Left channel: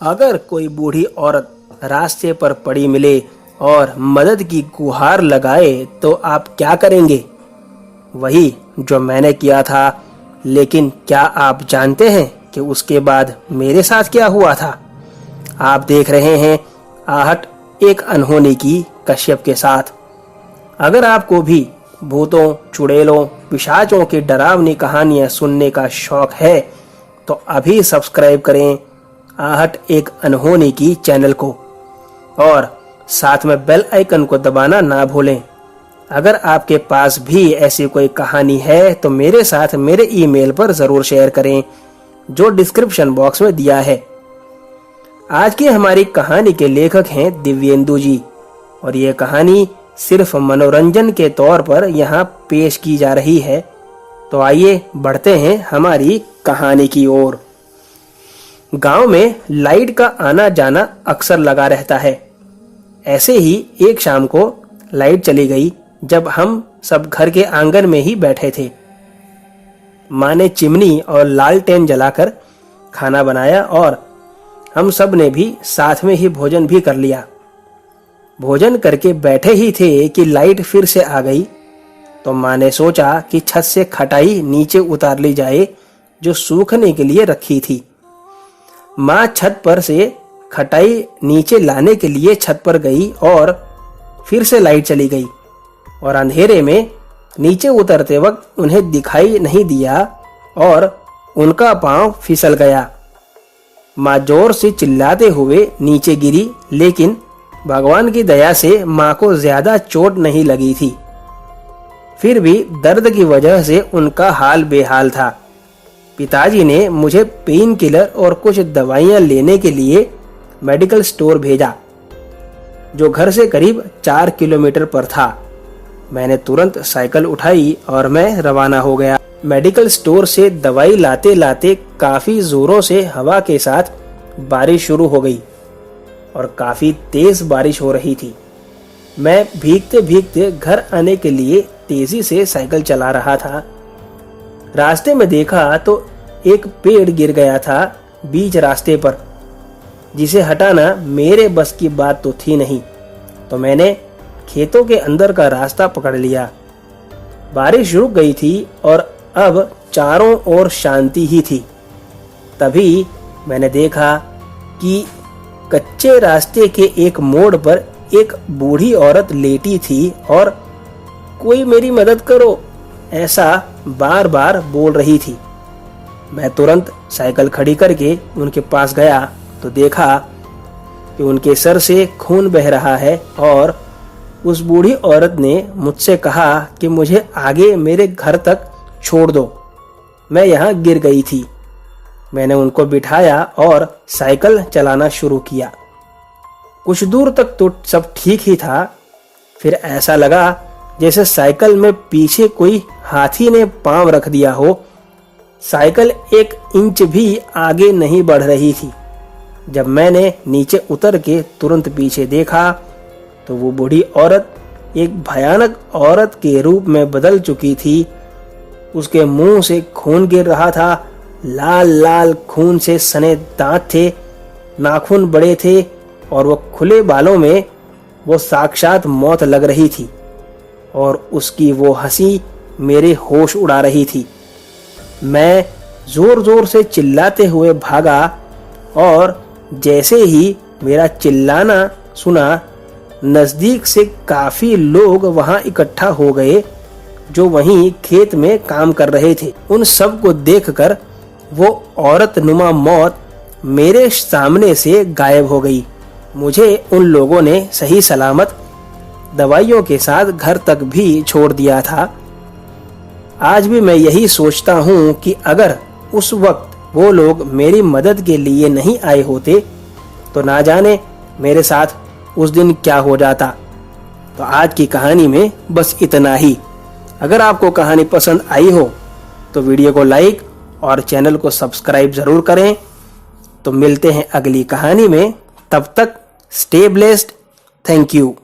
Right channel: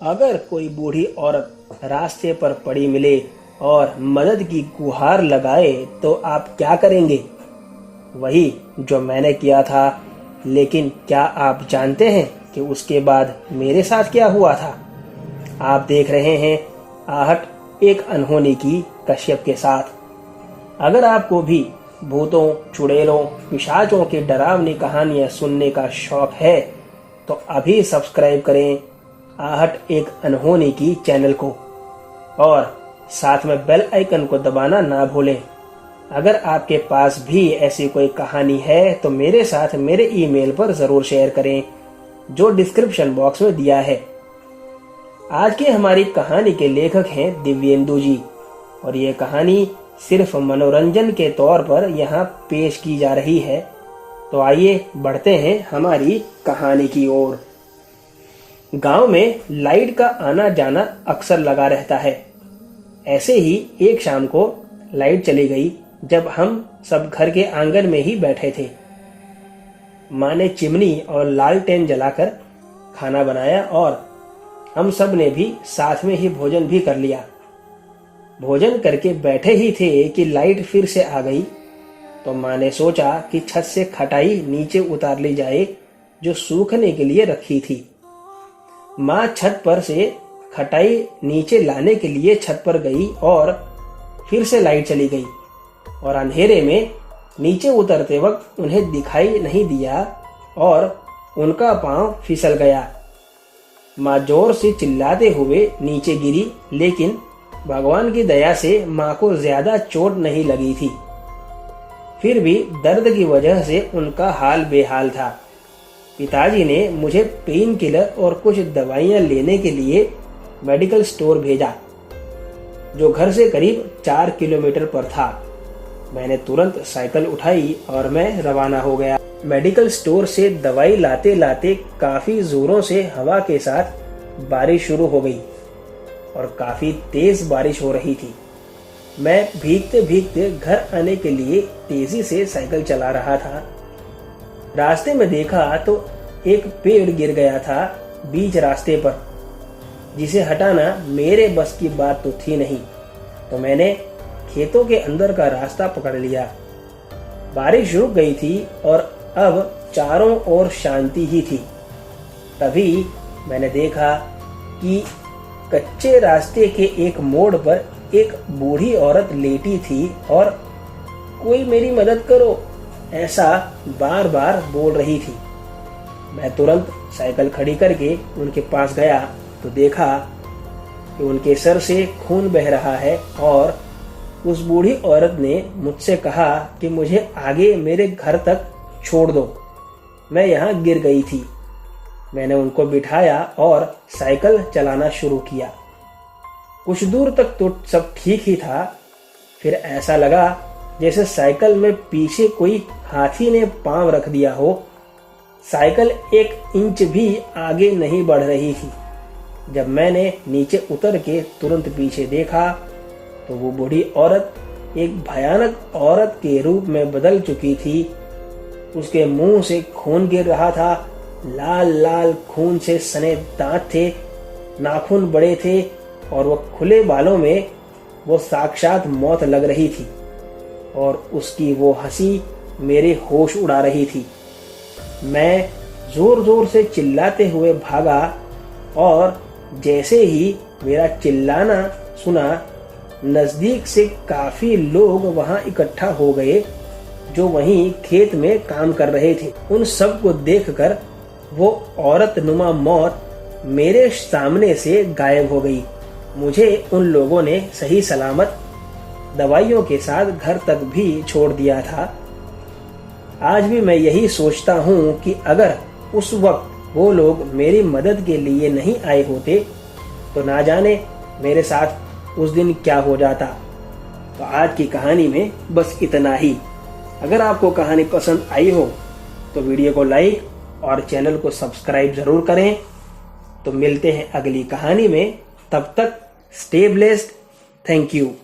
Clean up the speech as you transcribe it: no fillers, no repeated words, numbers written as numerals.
अगर कोई बूढ़ी औरत रास्ते पर पड़ी मिले और मदद की गुहार लगाए तो आप क्या करेंगे? वही जो मैंने किया था। लेकिन क्या आप जानते हैं कि उसके बाद मेरे साथ क्या हुआ था? आप देख रहे हैं आहट एक अनहोनी की कश्यप के साथ। अगर आपको भी भूतों, चुड़ैलों, पिशाचों की डरावनी कहानियां सुनने का शौक है तो अभी सब्सक्राइब करें आहट एक अनहोनी की चैनल को और साथ में बेल आइकन को दबाना ना भूलें। अगर आपके पास भी ऐसी कोई कहानी है तो मेरे साथ मेरे ईमेल पर ज़रूर शेयर करें जो डिस्क्रिप्शन बॉक्स में दिया है। आज की हमारी कहानी के लेखक हैं दिव्येंदु जी और ये कहानी सिर्फ मनोरंजन के तौर पर यहाँ पेश की जा रही है। तो आइए बढ़ते हैं हमारी कहानी की ओर। गांव में लाइट का आना जाना अक्सर लगा रहता है। ऐसे ही एक शाम को लाइट चली गई जब हम सब घर के आंगन में ही बैठे थे। माँ ने चिमनी और लालटेन जलाकर खाना बनाया और हम सब ने भी साथ में ही भोजन भी कर लिया। भोजन करके बैठे ही थे कि लाइट फिर से आ गई। तो माँ ने सोचा कि छत से खटाई नीचे उतार ली जाए जो सूखने के लिए रखी थी। माँ छत पर से खटाई नीचे लाने के लिए छत पर गई और फिर से लाइट चली गई और अंधेरे में नीचे उतरते वक्त उन्हें दिखाई नहीं दिया और उनका पांव फिसल गया। माँ जोर से चिल्लाते हुए नीचे गिरी, लेकिन भगवान की दया से माँ को ज्यादा चोट नहीं लगी थी। फिर भी दर्द की वजह से उनका हाल बेहाल था। पिताजी ने मुझे पेन किलर और कुछ दवाइयाँ लेने के लिए मेडिकल स्टोर भेजा जो घर से करीब 4 किलोमीटर पर था। मैंने तुरंत साइकिल उठाई और मैं रवाना हो गया। मेडिकल स्टोर से दवाई लाते लाते काफी जोरों से हवा के साथ बारिश शुरू हो गई और काफी तेज बारिश हो रही थी। मैं भीगते भीगते घर आने के लिए तेजी से साइकिल चला रहा था। रास्ते में देखा तो एक पेड़ गिर गया था बीच रास्ते पर, जिसे हटाना मेरे बस की बात तो थी नहीं। तो मैंने खेतों के अंदर का रास्ता पकड़ लिया। बारिश रुक गई थी और अब चारों ओर शांति ही थी। तभी मैंने देखा कि कच्चे रास्ते के एक मोड़ पर एक बूढ़ी औरत लेटी थी और कोई मेरी मदद करो ऐसा बार बार बोल रही थी। मैं तुरंत साइकिल खड़ी करके उनके पास गया तो देखा कि उनके सर से खून बह रहा है और उस बूढ़ी औरत ने मुझसे कहा कि मुझे आगे मेरे घर तक छोड़ दो, मैं यहाँ गिर गई थी। मैंने उनको बिठाया और साइकिल चलाना शुरू किया। कुछ दूर तक तो सब ठीक ही था। फिर ऐसा लगा जैसे साइकिल में पीछे कोई हाथी ने पांव रख दिया हो। साइकिल 1 इंच भी आगे नहीं बढ़ रही थी। जब मैंने नीचे उतर के तुरंत पीछे देखा तो वो बूढ़ी औरत एक भयानक औरत के रूप में बदल चुकी थी। उसके मुंह से खून गिर रहा था। लाल लाल खून से सने दांत थे, नाखून बड़े थे और वो खुले बालों में वो साक्षात मौत लग रही थी और उसकी वो हंसी मेरे होश उड़ा रही थी। मैं जोर जोर से चिल्लाते हुए भागा और जैसे ही मेरा चिल्लाना सुना, नजदीक से काफी लोग वहां इकट्ठा हो गए जो वहीं खेत में काम कर रहे थे। उन सब को देखकर वो औरत नुमा मौत मेरे सामने से गायब हो गई। मुझे उन लोगों ने सही सलामत दवाइयों के साथ घर तक भी छोड़ दिया था। आज भी मैं यही सोचता हूँ कि अगर उस वक्त वो लोग मेरी मदद के लिए नहीं आए होते तो ना जाने मेरे साथ उस दिन क्या हो जाता। तो आज की कहानी में बस इतना ही। अगर आपको कहानी पसंद आई हो तो वीडियो को लाइक और चैनल को सब्सक्राइब जरूर करें। तो मिलते हैं अगली कहानी में, तब तक स्टे ब्लेस्ड। Thank you.